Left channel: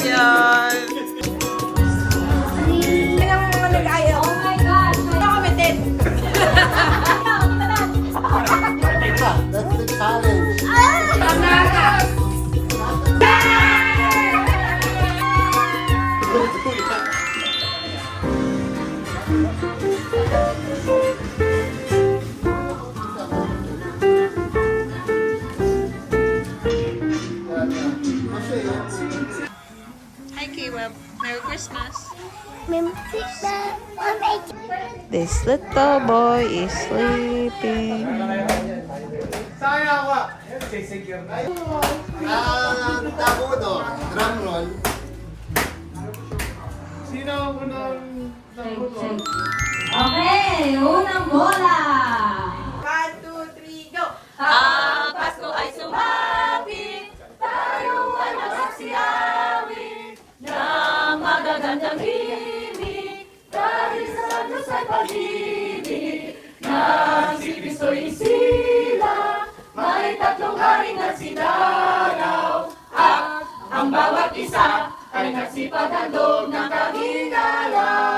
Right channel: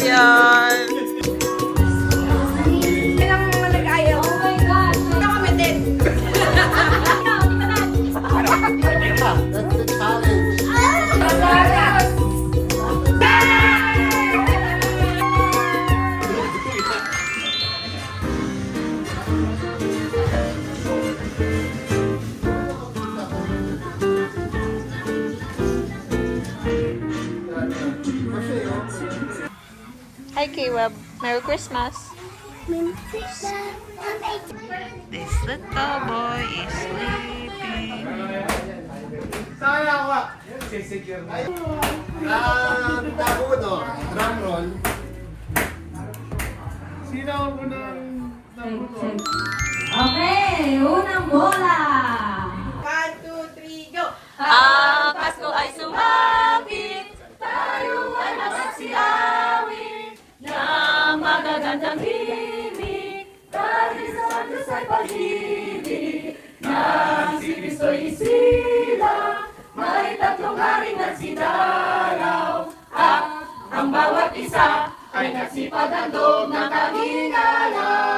Champion! Hi K-Web, Merry Christmas! This little boy is sleeping. Tabuno, drum roll. Sino ang unang Okay, unang bola. 1, 2, 3, go! Ang Pasko ay sumapit, tayo ay masaksiyawin ng magagandang himig, dahil sa Diyos ay pag-ibig, nang si Kristo'y isilang, may tatlong haring nagsidaraw, at ang bawat isa ay nagsipag handog ng kaginalay.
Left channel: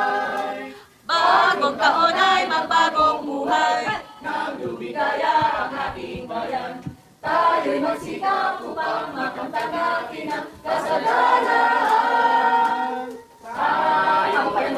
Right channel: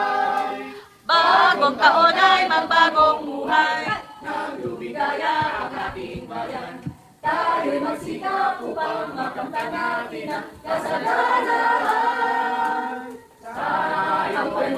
Bagong taon ay magbagong buhay, nang lumigaya ang ating bayan. Tayo'y magsikap upang makamtan natin ang kasalanan. Tayo'y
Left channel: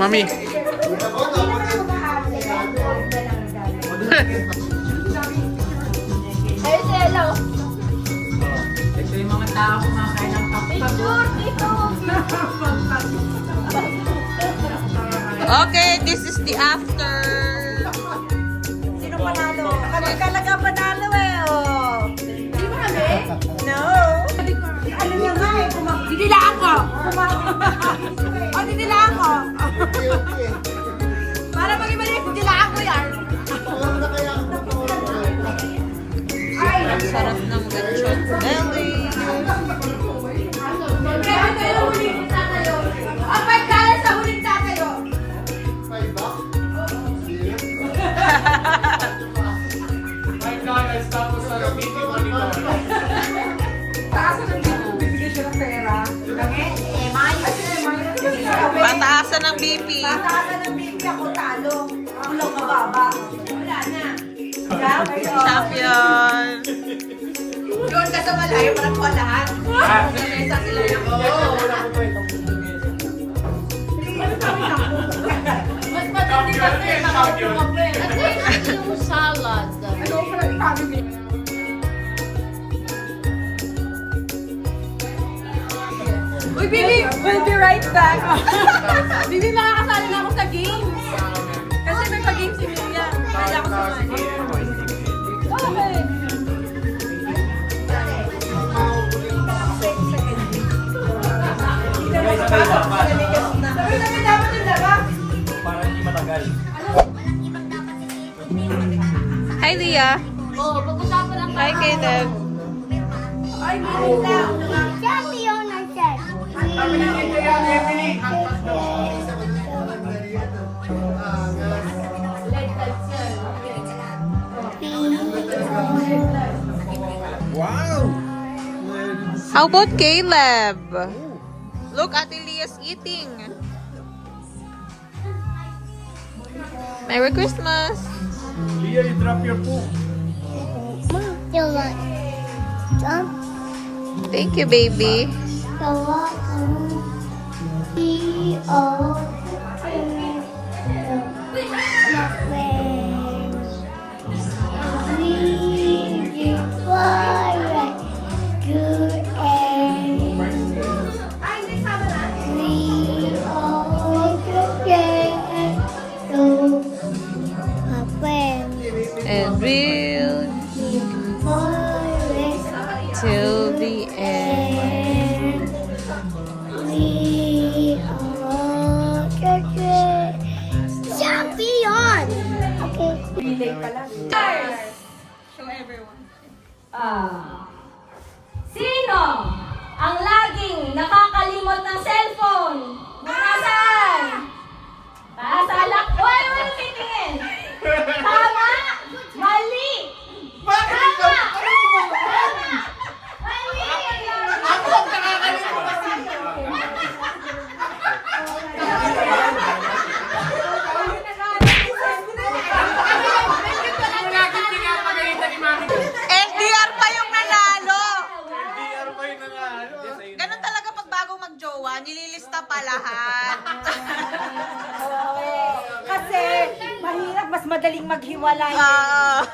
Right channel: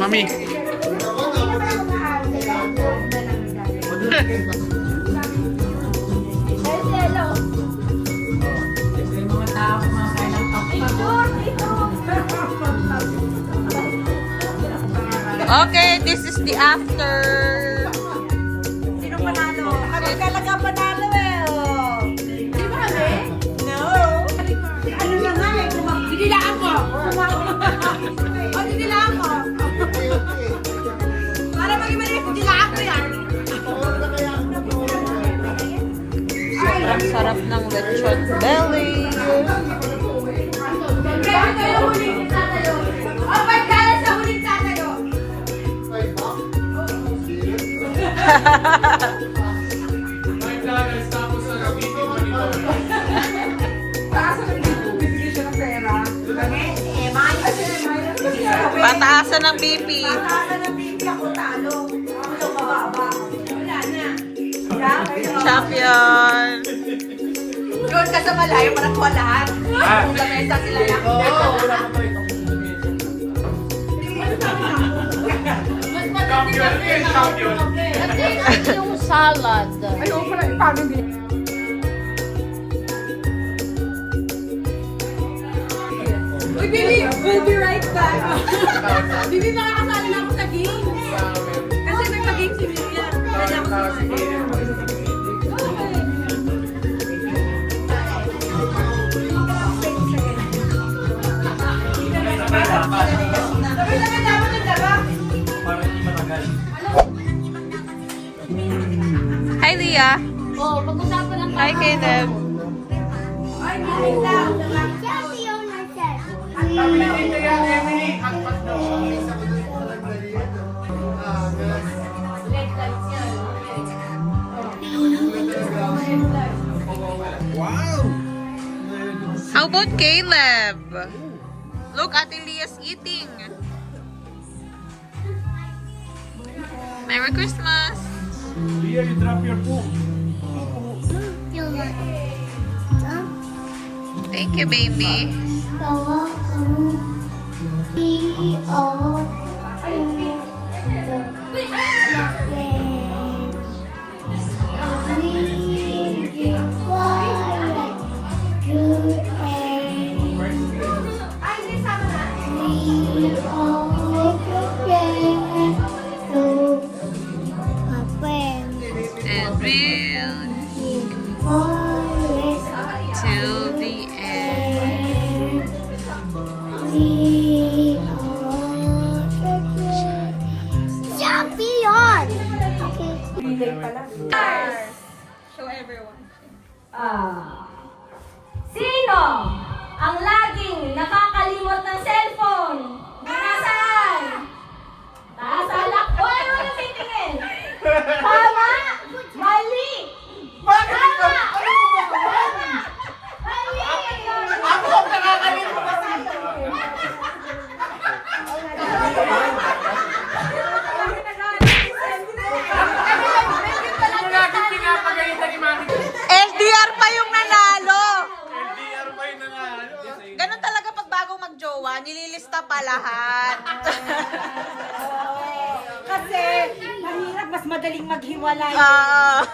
Mami! Okay, this is the after. Sino panalo? Kapag talaga panalo eh, oh. Di ba kami? No. Ano yun nga eh? Dinilaan ko! O, dinilaan ko! Para mag-imalis, dinilaan ko yan! Ang sarap ng lechon belly. Kaya tayo huling tatayo. O, pagkala sa huling tatayo. My God, I stop sa video monitor. Taasan ng dito, bibigyan siya ng pera. Pataasan ng BP. Taasan ng bibig ako talo. Ako lang mababa. Wala na. Champion! Doon ka sa malayo, parang walahan. Lamesa sila na. mas matindi kasi nakaupo ka pa eh. Yung salad. Ayoko parang family. Uy, Bibi! We'll be right back. Bibi, makakasali na ako sa games. Kasi may pag-games si Mia. Pwede ako sumali. Okay. Sabi na dapat yung dara. Hi Leah! Oh, pag-usapan lang Hi Caleb! Ay, Marita. Wow! How about Caleb? Look, Ate Leah's eating. Merry Christmas! Leah, you drop your poop. Thank you, baby. And we'll till the end. Champion! Okay. Show everyone. Sino ang laging nakakalimot ng cellphone? Nasaan? Nasa lakwan. Ano na titingin? Tama? Mali! Tama! Mali! Ako ang nakakalimot sa Ano lagi pinapagalitan ni Mami? LDR pa yung nanalo. LDR pa yung nanalo. Ganun talaga pag bago magjowa, nililista pa lahat. Kasi mahirap, mas madaling maghiwalay. Ah.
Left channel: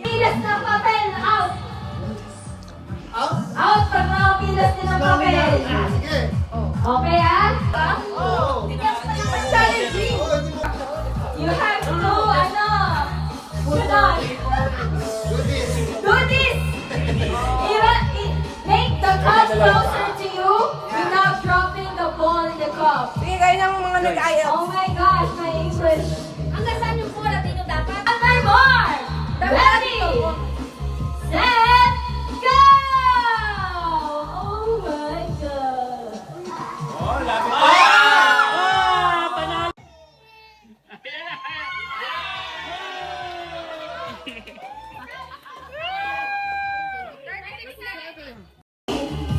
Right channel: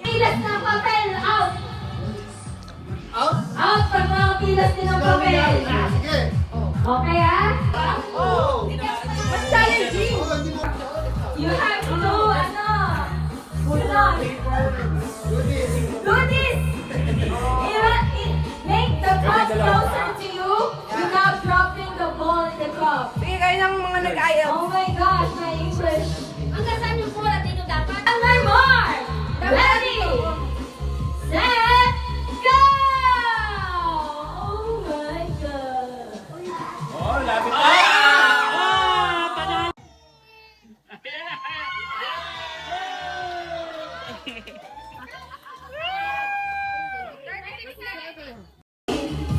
Pilas ng papel, out! Out pag mga pilas din ng papel. Okay, ah? You have to do, do this! Make the cup closer to you without dropping the ball in the cup. Bigay ng mga nag-ayaw. Oh my gosh, my English. Hanggang saan yung bola dito dapat? On my mark! Ready! Set! Go! Oh my God! Oh, lapit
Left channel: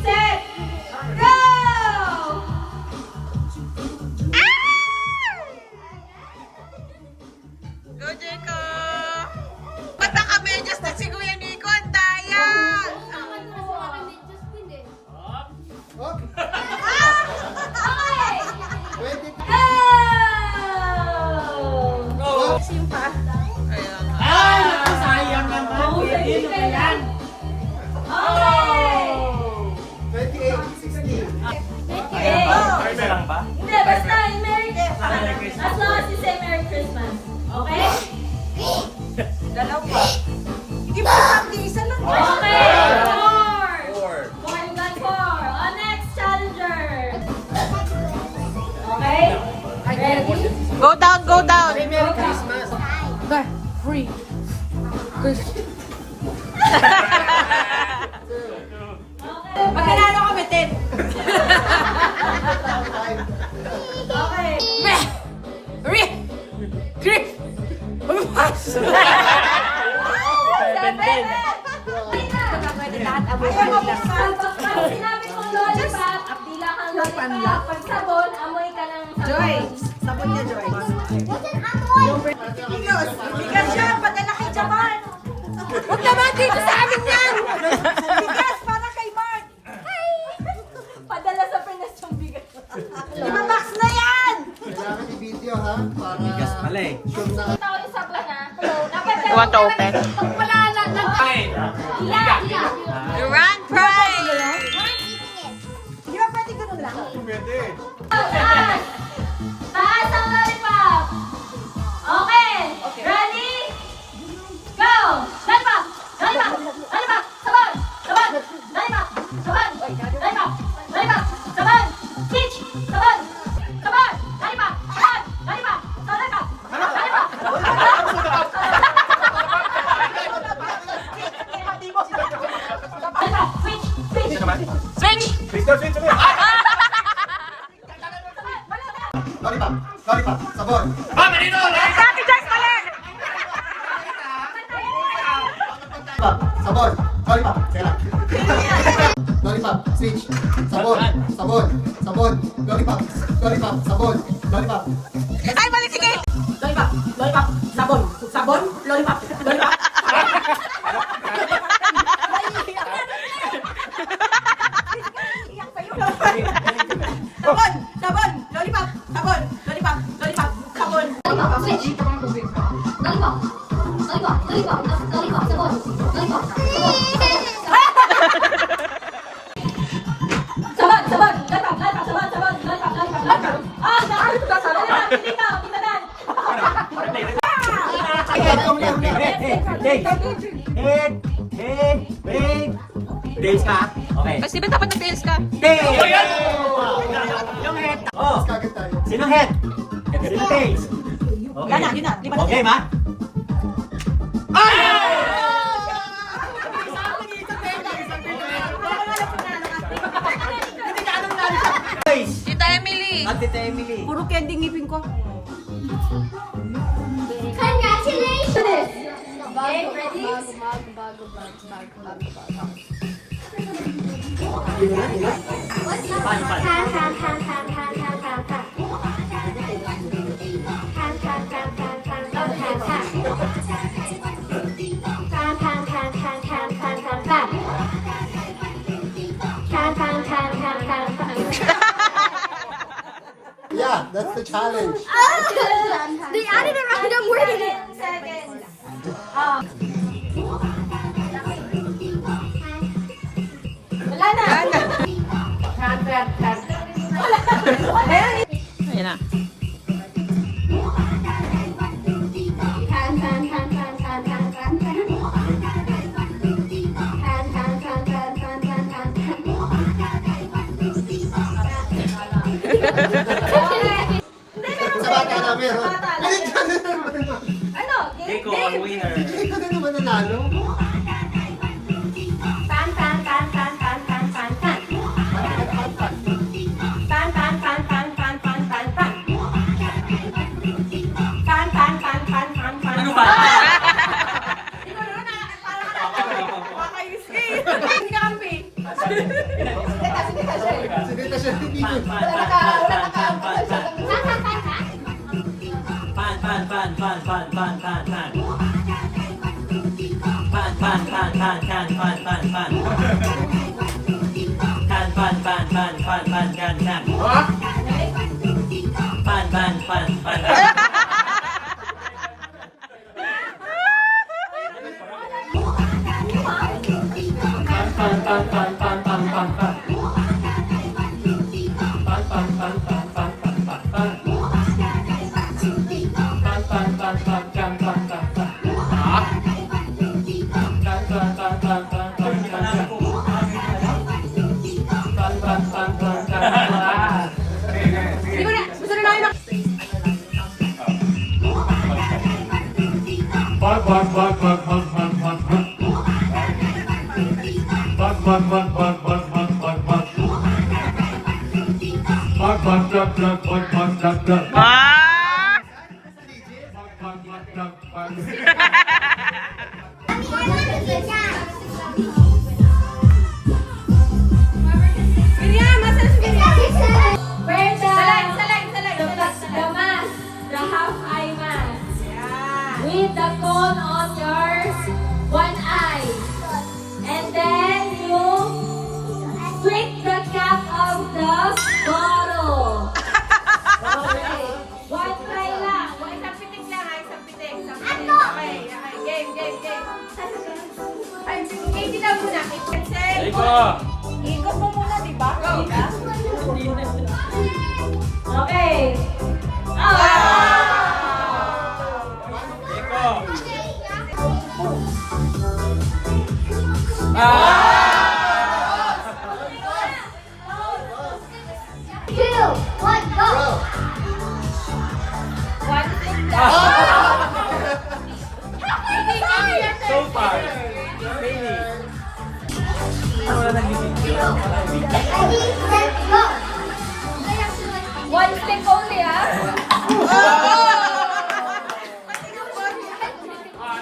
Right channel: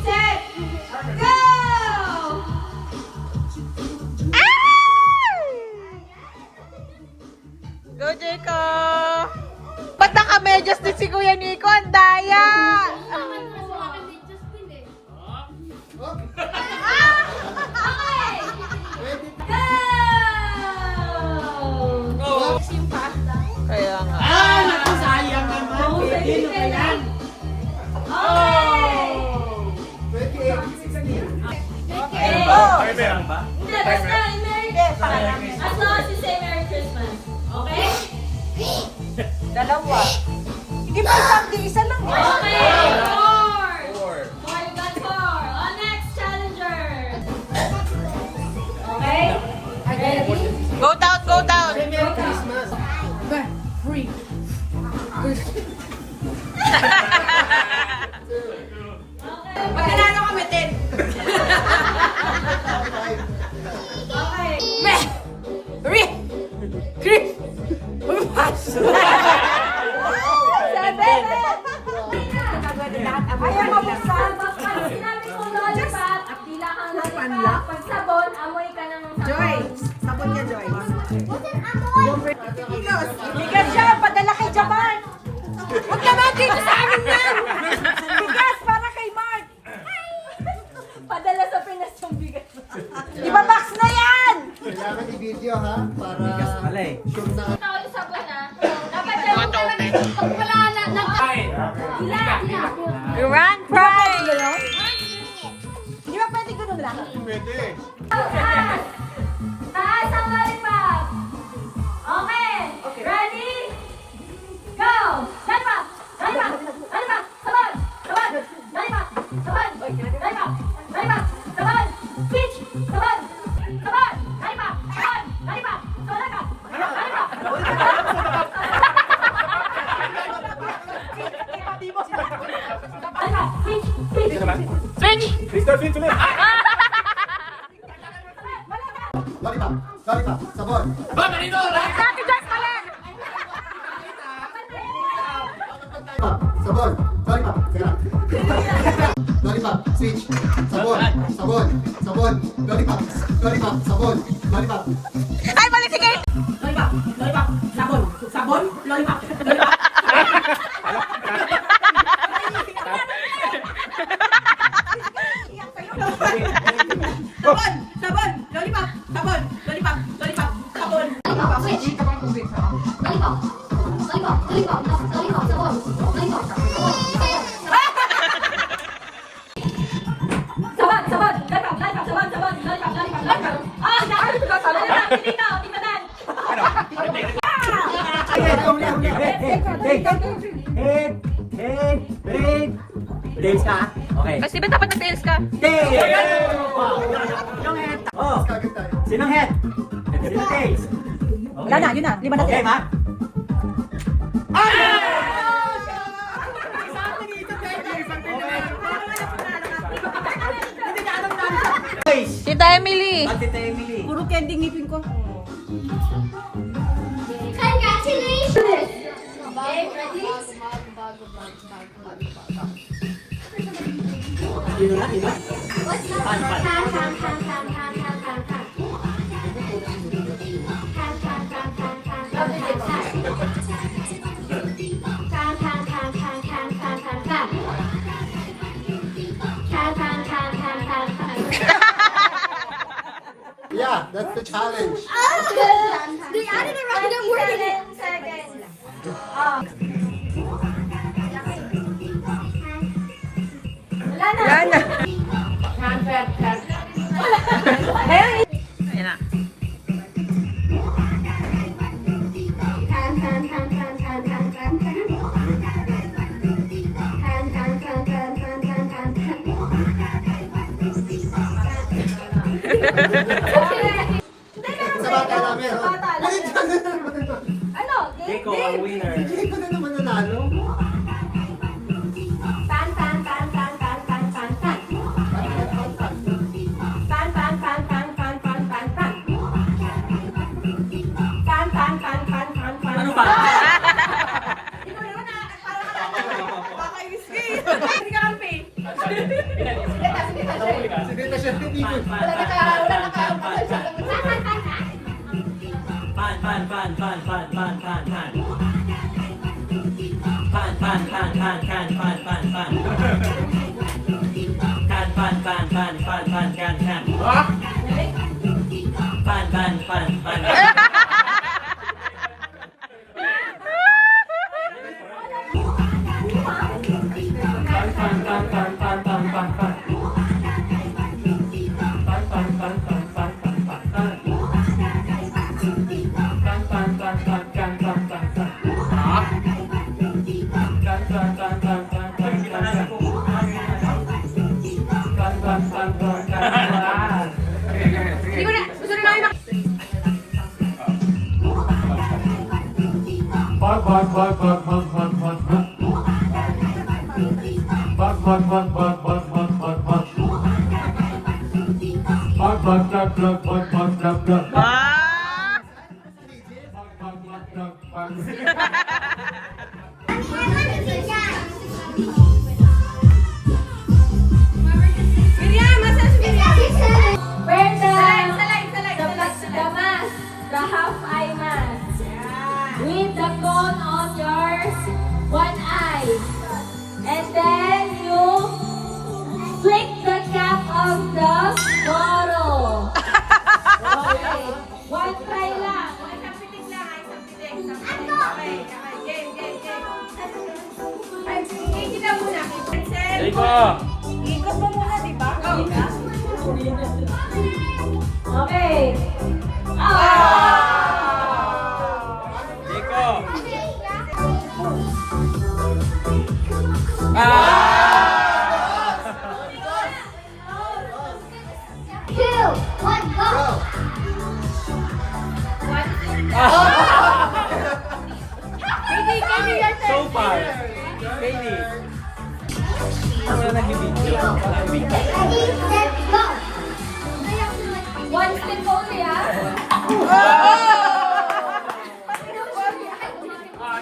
Set! Go! Go, Jericho! Ba't naka-medyas din si Kuya Nico? Ang daya! Go! Kaya nga. sayang naman. Okay. Okay. May perang ba? Hindi, basta Merry Christmas. As long as you say Merry Christmas. Okay? Dalawa. Give me something, isa lang. Okay. Four. Four. Four, you got four. On next challenger. Okay? Ready? Go down, go down! Merry Christmas. Okay. Pag nanalo kami, 10. Okay. Pag sinabi kong lollipop, dila kang lollipop. Pag sabon, amoy ka ng sabon. Joy. Sabon niya, Joy. Kilos. Bigas siya. Padala kay Japan. Huwag naman dito sa amin yan. Bigas para kay Mark. Padala sa Pinas yung bigas. Di ba box na yan? Kailangan i-video ha, para sure na Tao yung sabon ha. Dapat You want to open? Pag wala na, Ay! Ila. You run, cry! Di ba pwede ganun lang? Pwede. Taas! Taas ang lollipop! Okay! Ready? Go! Lollipop! Lollipop! Lollipop! Sabon! Sabon! Lollipop! Sabon! Lollipop! Lollipop! Sabon! Peach! Sabon! Sabon! Lollipop! Sabon! Lollipop! Lollipop! Lollipop! Lollipop! Peach! Peach! Switch! Victor, switch ulit. lollipop, lollipop, sabon. Ah, marino! Ate Jess, mali! Lollipop, sabon, lollipop, teka. Lollipop, switch, sabon, sabon, sabon, lollipop, lollipop, sabon, lollipop. Ay, mali, sige! Lollipop. Lollipop. Sabon. Sabon. Lollipop. Lollipop. Sabon. Sabon. Lollipop. Sabon. Lollipop. Lollipop. Sabon. Sabon, sabon, lollipop, lollipop, sabon, sabon, lollipop, lollipop, lollipop. Ah, lollipop, dito, dito na. Tails ka? Okay. Kasi ba dapat na-tails ka? Tails! Yung head. Oh, Kagit tayo. sinong head? Sinong tails? Okay. Yun na, yun na. Lima na Okay, tayo. ma? Oh, candy ngipin ko. Congratulations! Okay, ready? What's up? Pan, pan, pan, pan, pan, pan, pan, pan, pan. Pan, pan, pan, pan, pan, pan, pan, pan. Pan, pan, pan, pan, pan, pan, pan, pan. Pan, pan, pan, pan, pan, pan. Yeah, that's the challenge. They added a random word in it. Wala na. Ayun na. Pan, pan, pan, pan, pan, pan, pan, pan. Pan, pan, pan, pan, pan, pan, pan, pan. Sa bata namin, ha? Binigyan na naman. Ano? Ikaw ang winner. Hindi ko na naman nanalo. Pan, pan, pan, pan, pan, pan, pan, pan. Pan, pan, pan, pan, pan, pan, pan, pan. Pan, pan, pan, pan, pan, pan. Ano pa? Pakainis ka eh. Hindi ka kampi. Sige na siya. Pan, pan, pan, pan, pan, pan, pan. Pan, pan, pan, pan, pan, pan, pan, pan. Pan, pan, pan, pan, pan, pan, pan, pan. Pan, pan, pan, pan, pan. Ah! Miriam, masa si Miriam? Wear the mask, the half eye mask. With the cone on your one eye. And then you flick the cap of the bottle. Okay. One try lang. Isang pitik lang, isang pitik. Okay, game. Ay, game kita muna. Pencil. Iko! Ikot mo muna, di ba? Go. Okay. Two, one, go. So far. Baby. Ready, set, go. One stick only, ah.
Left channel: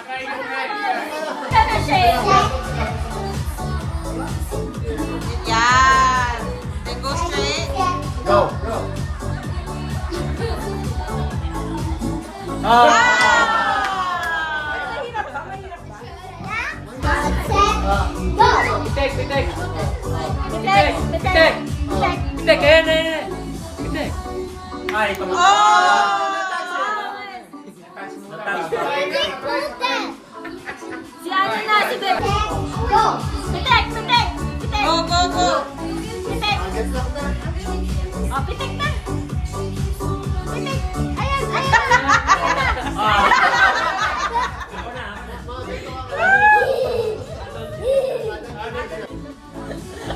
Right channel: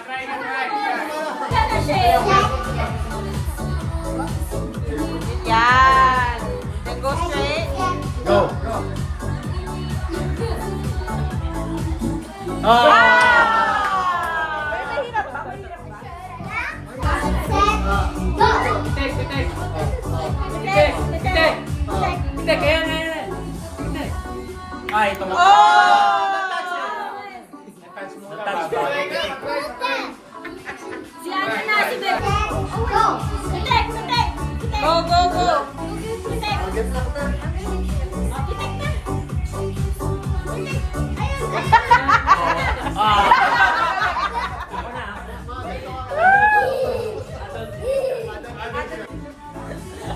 Try. Ano siya? Yan. Then go straight. Go. Ay, ito. Si Ate na, si Bebe. Go. Pitek. Go, go, go. Pitek. Agad na kita. Oh, pitek na. Pitek. Ayan.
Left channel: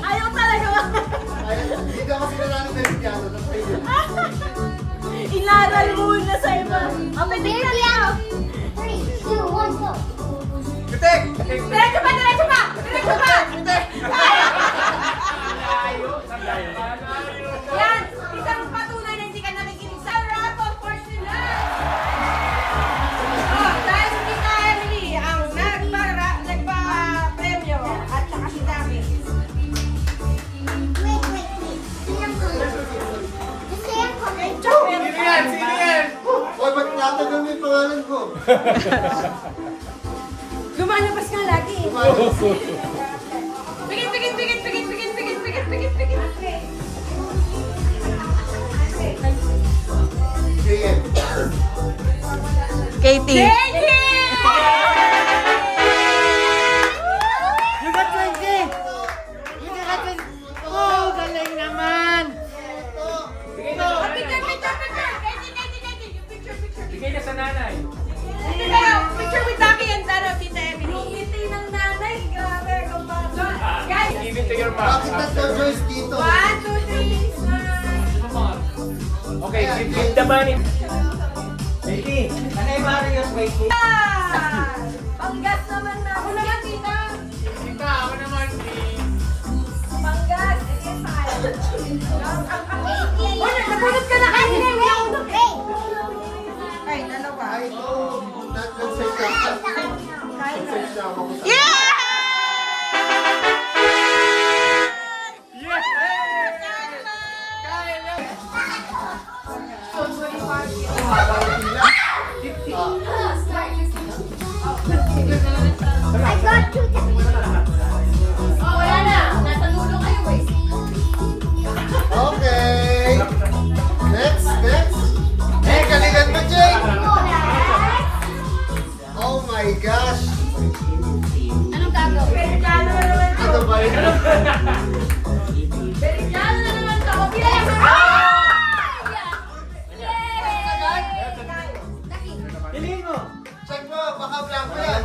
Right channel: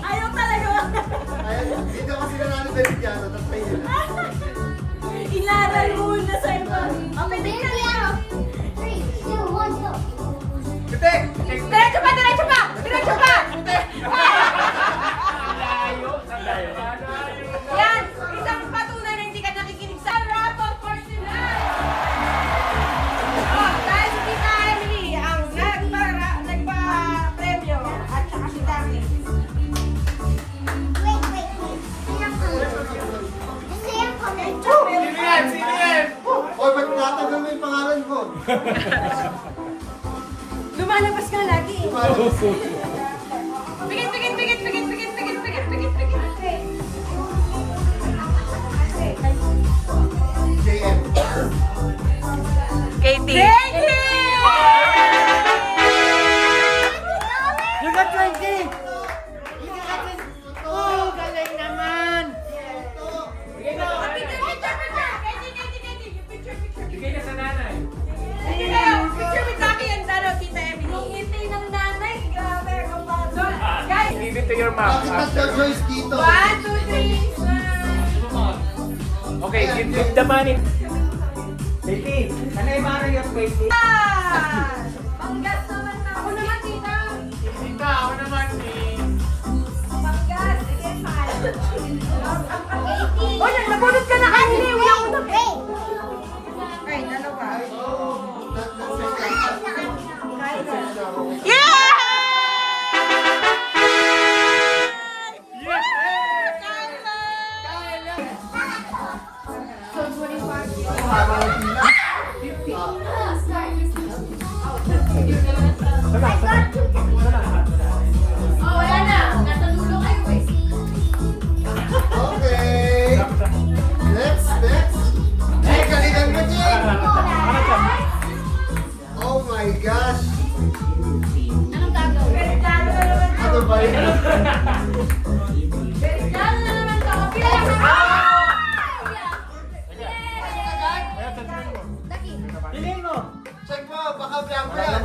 Ayaw talaga. Dito kasi nanalo na yung piano. Tapos may Inaral muna sa iba. Oh, pitek na. 3, 2, 1, go. Diretso pa! Yan, isang patunay na hindi ka nakikinig sa Lumalabas ka lagi. Pigit, pigit, pigit, pigit, pigit, pigit, pigit, pigit, pigit. Katie. You got 20! You got 20! Oh, galing naman! Bigay na sa nanay. Picture with Dami and Tita Emily. Yung ngiti ng nanay, grabe, kapag. Guys, Gigit to your Bakit mom. tatlo Joyce dito? 1, 2, 3, smile. Okay, give the money. Katie, ano yung Mario Katie? Panggas naman na. Ako naman, tita. Tita, ako naman. Panggas. Again, smile. Oh, nabunot ka na kanina. Wala ko na. Ay, dalawa. Tatlong set lang. Yeah! Oh, wala na. Nasa dulo kayo eh. Okay! Next! Hey, galingan mo, Jay! Oh my gosh! Anong gagawin? Ano ba yun? Lalo na naman to. Pila lang naman. Piliin mo! Check mo, baka blanco yan.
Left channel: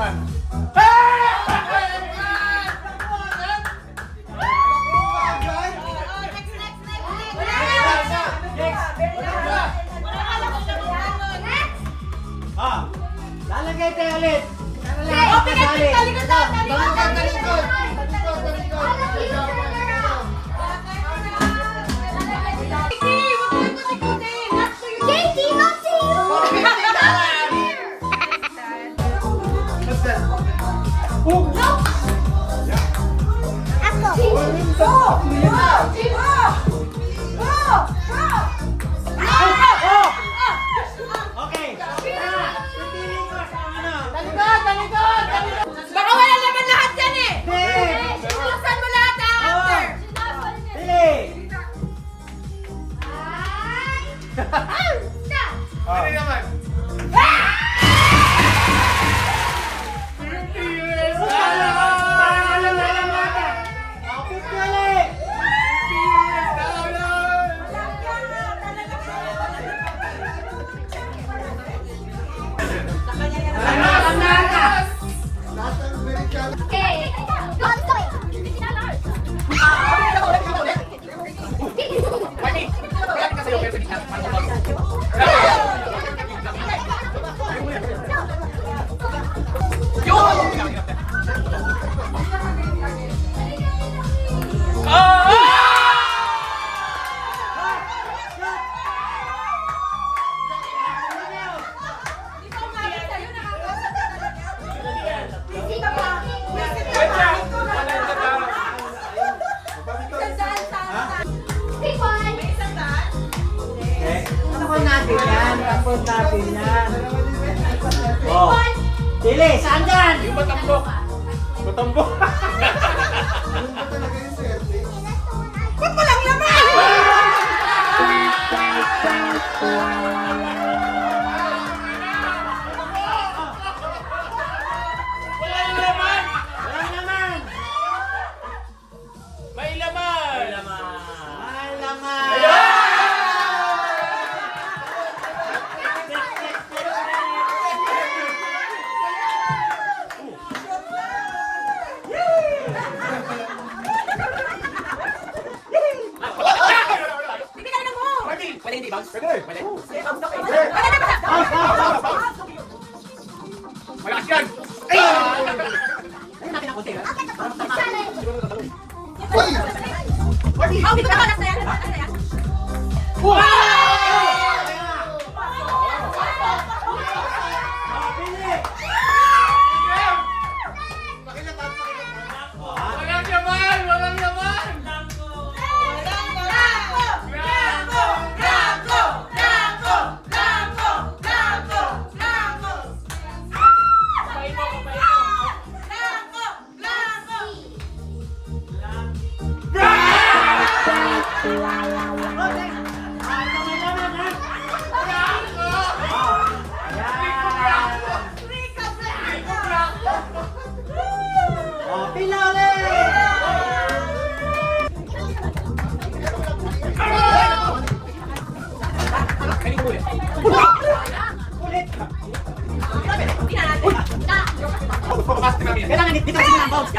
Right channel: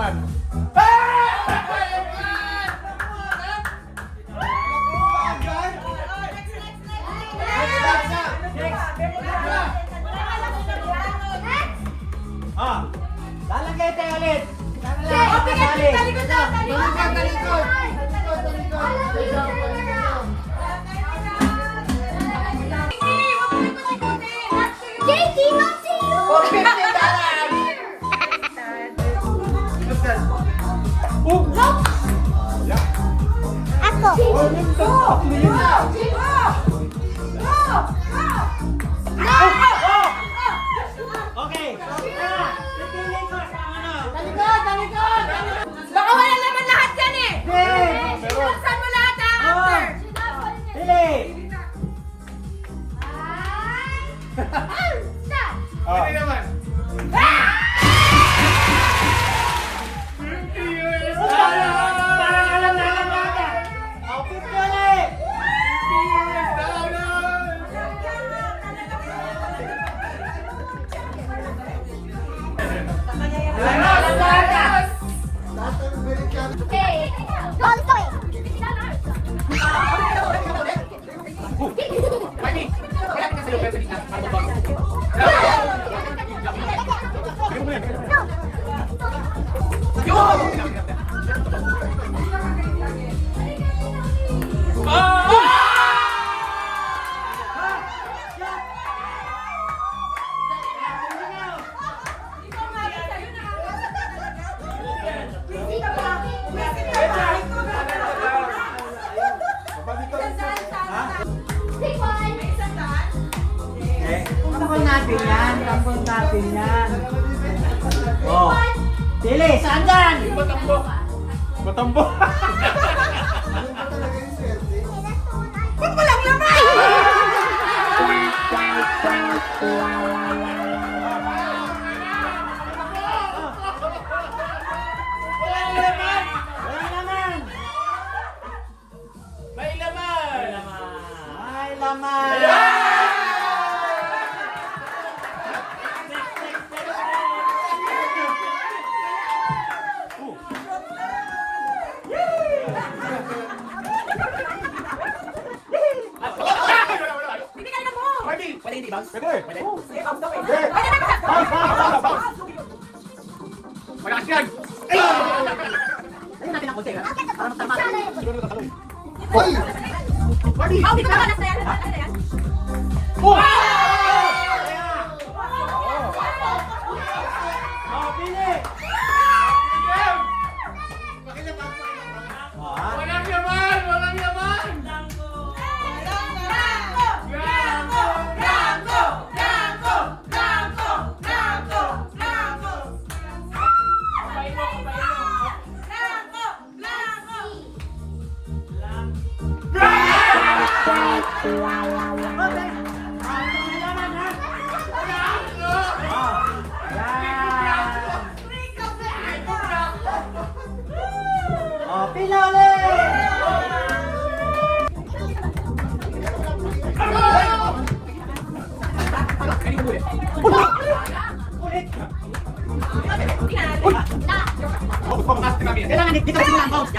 Ah! Lalagay tayo ulit! Oh, pigit, talikod na. Talikod! JT, don't see you. Okay! Piliin mo sa ano? Baka wala naman lahat yan eh. Buksan mo lahat ha, after. Pili! Ano naman? Lahat ng Amerikano. Okay. Gonto eh. Mami, wala ka sa'yo pero sa gitna. Ano ba? Pick one. Okay? Tampon natin yan. Tampon natin yan. Oh! Pili! Saan dyan? Yung batambok. Batambok. Ano ba talaga yung swerte? Ba't walang laman? Walang laman. Walang naman! May laman. May laman! Mami, pwede hindi ba? Pwede. Malakas yan. Hoy! Oh, dito ka. Nasa yan. Walang laman. Walang laman. Oh, pila ulit! Kailangan dito kasi lang bounce.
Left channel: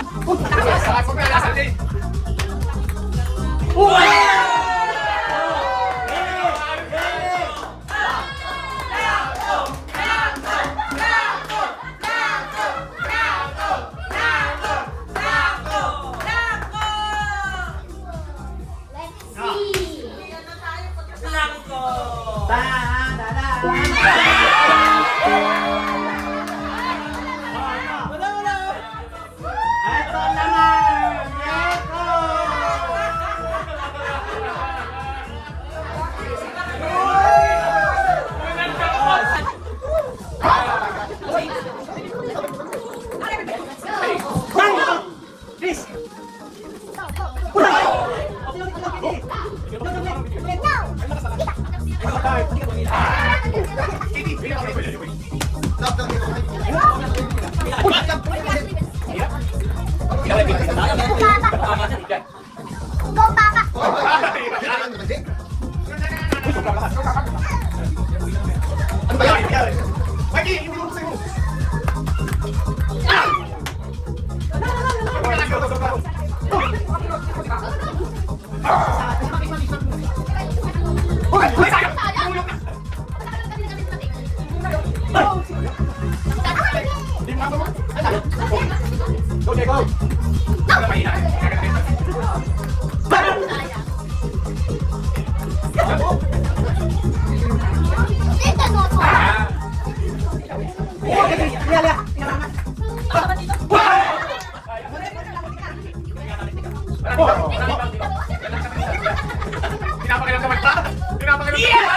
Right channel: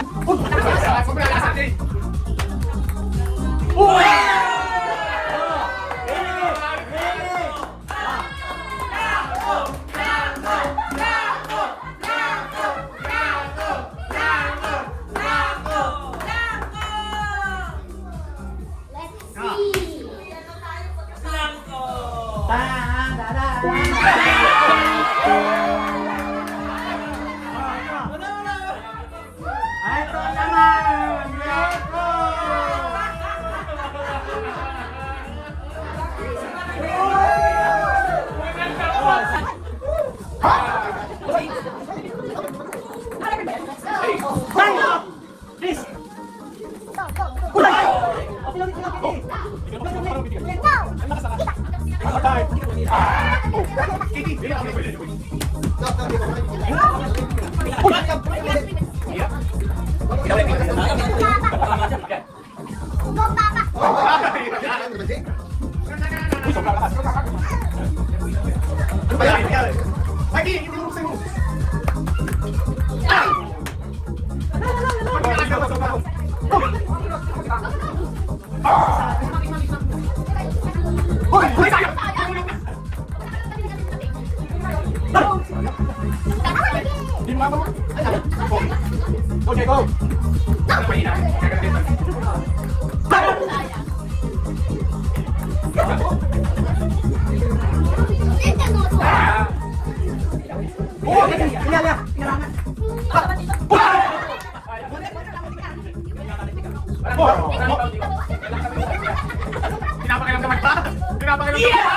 Let's see. Ito naman! Yeko! Please! Go, Papa. Okay, go! Pinapakilang naman pa! Pinapakilang naman pa!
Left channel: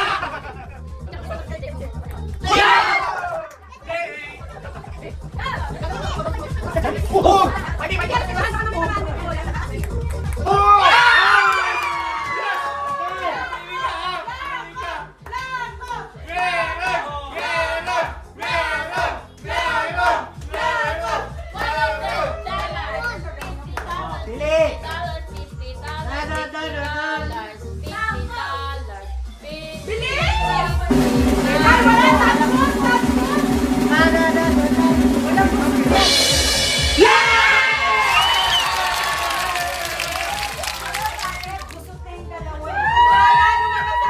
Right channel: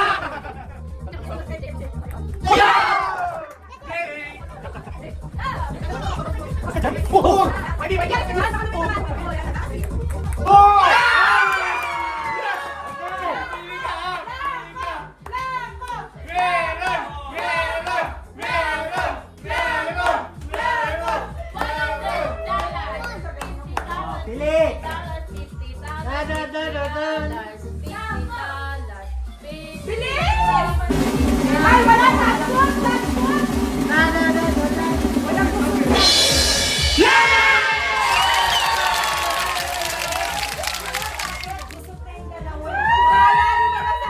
Pili! Ay, wala na!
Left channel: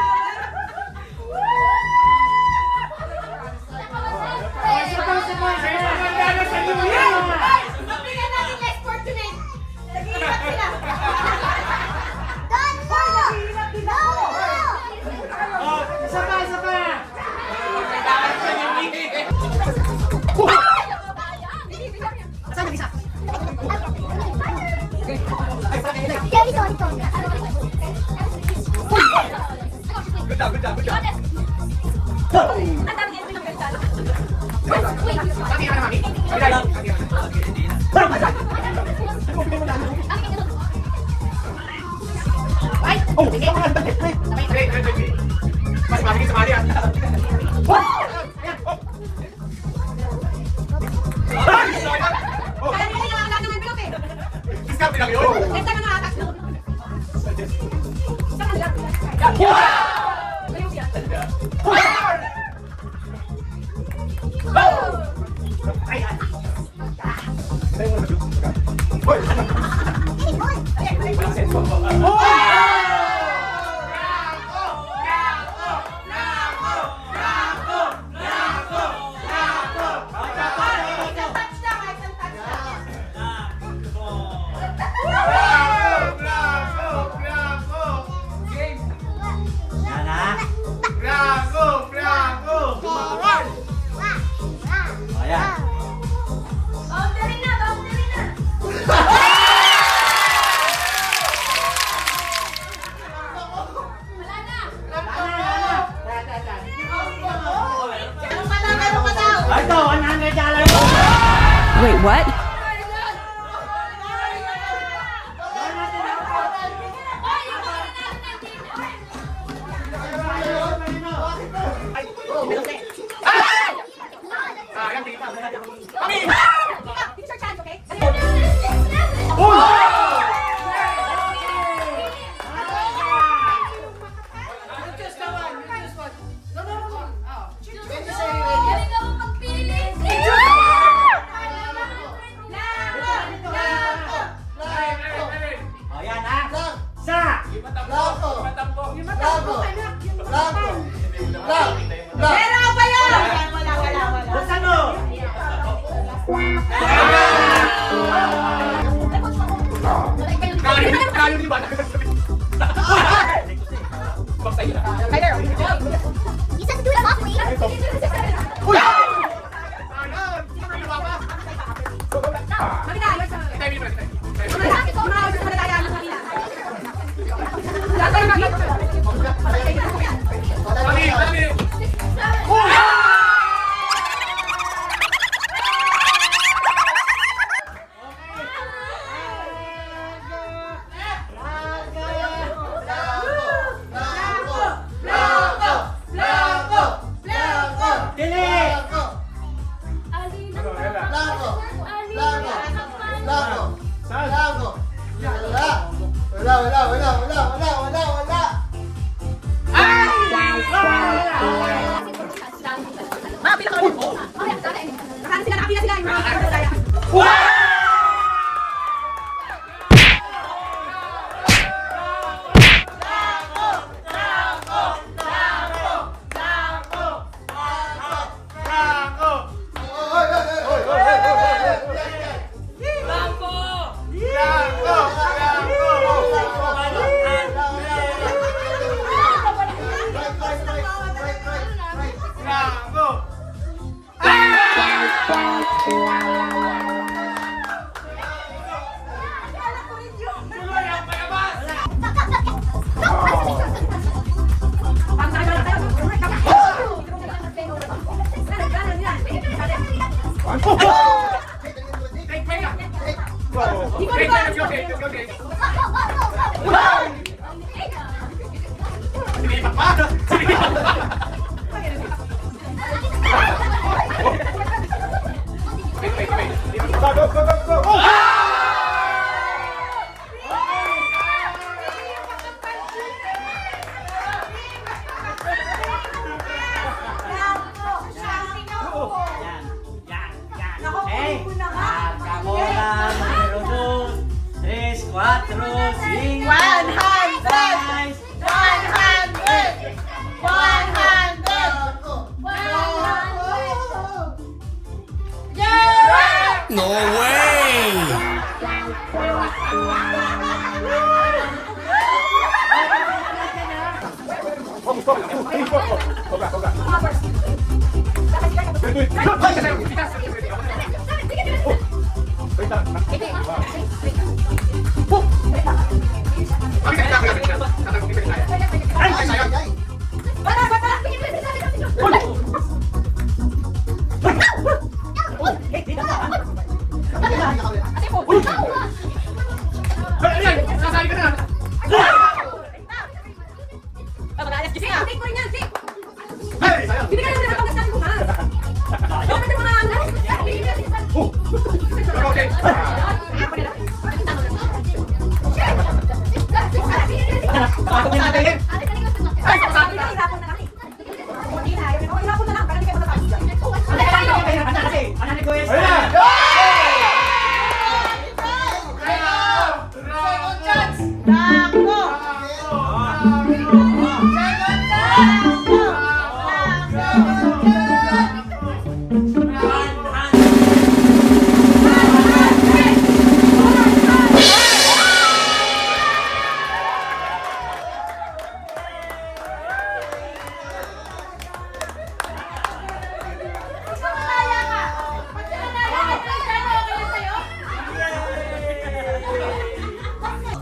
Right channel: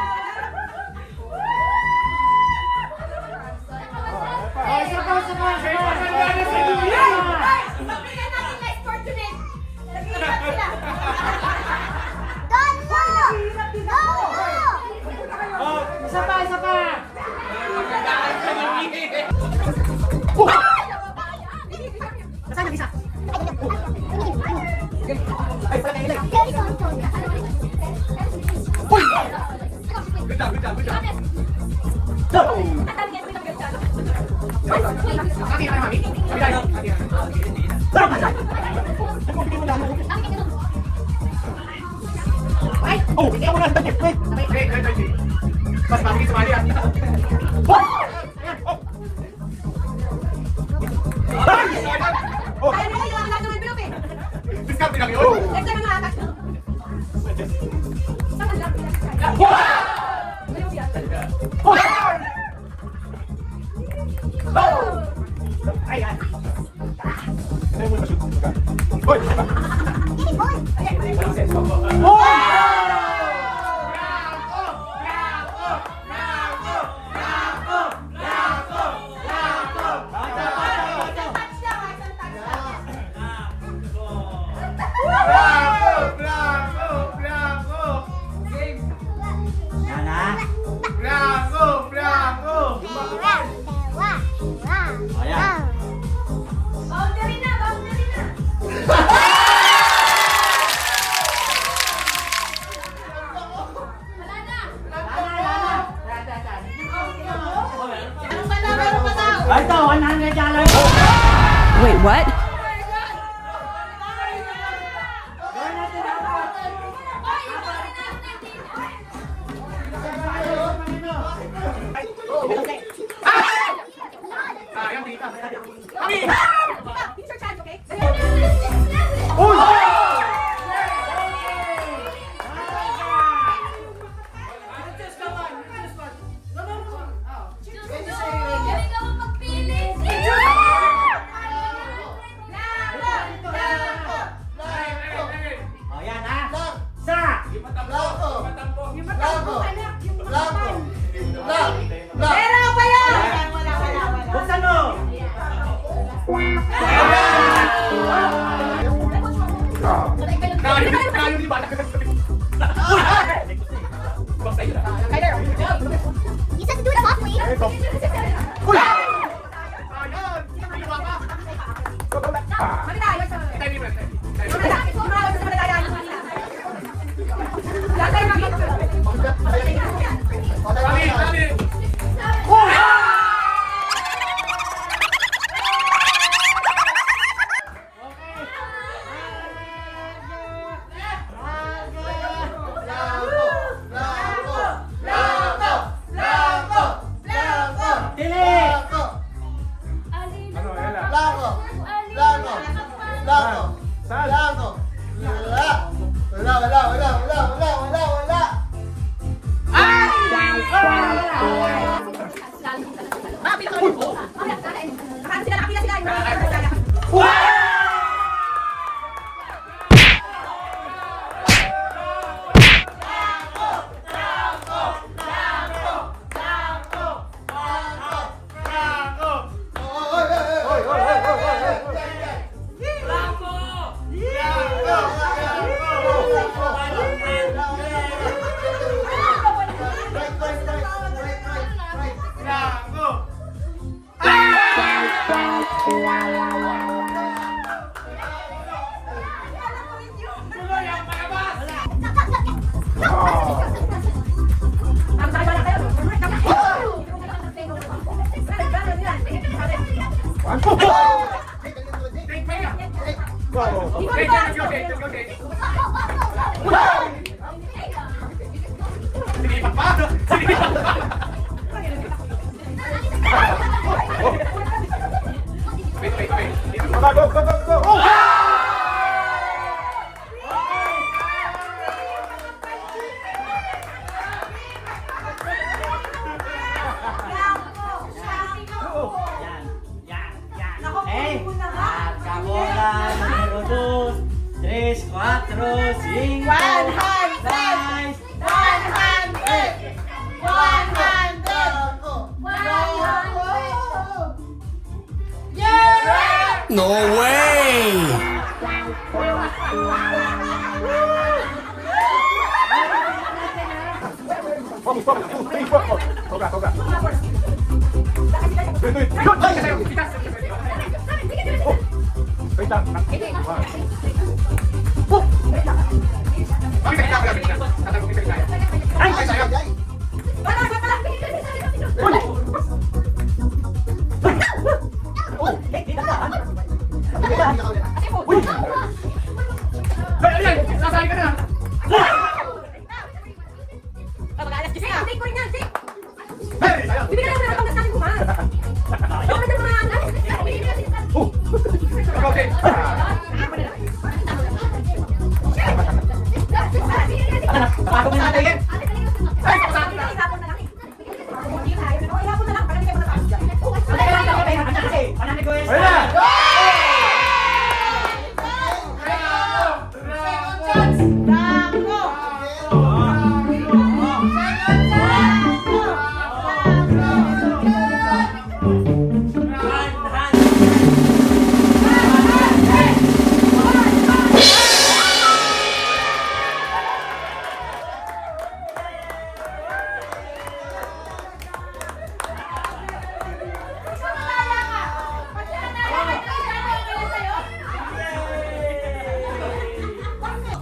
Mabigyan natin next fortunate. Nag-iingat sila. Don't go! No! Oh, isa pa, isa pa! Saan yung isa? Sorry, sorry, sorry. Good job, good job, good job! Ang dami niya pinagkaitan. Kaki ka na, mami! Kaki ka na. Ay! Oh! Ikaw na! Wait, wait. Mas mami, sumali ah! Kaya nila yung anak ng Pilip eh. Discount lang yun! Ito na nga anak no. Saan ka lang? Ayaw yan. Ay! Ay! Isang touch lang, isang touch lang. Yan na! Bravo! Bravo! Yung matapos, anak. Yung matapos. La. Meron pa yun! Buksan mo! Kayo di ba? Basta yun. You said to do it softly. Coca-Cola número 2, 3, 4, 5, 6, 100. No way!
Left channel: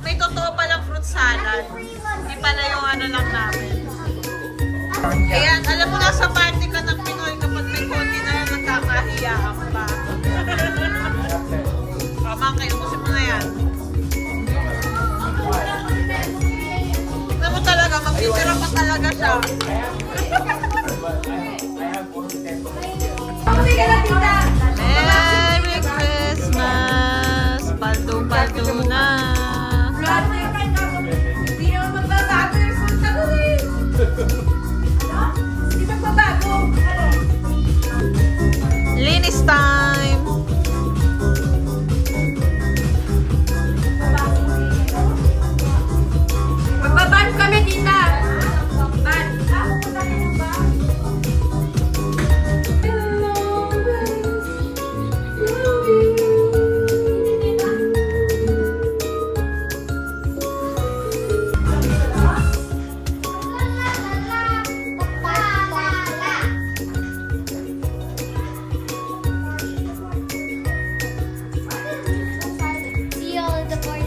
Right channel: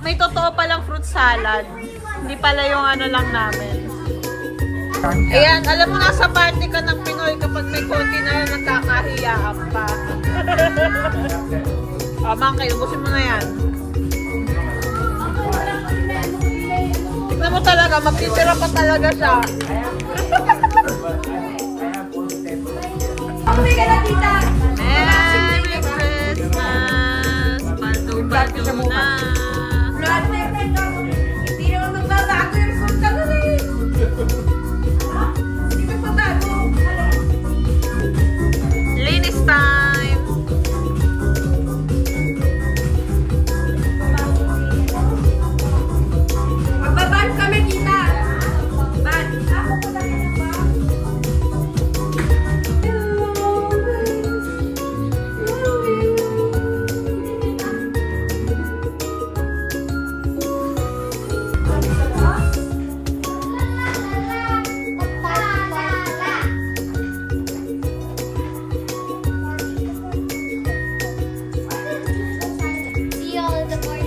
May totoo palang fruit salad. Hindi pala yung ano lang namin. Ayan, alam mo nga sa party ka ng Pinoy kapag may konti na lang nagkakahiyaan pa. Mangkay, ubusin mo na yan. Tignan mo talaga, magtitira pa talaga siya. Merry Christmas! Paldo-paldo na! Hindi naman magbabago yung suit ka mo eh. Hindi magbabago. Linis time! Magbabago the board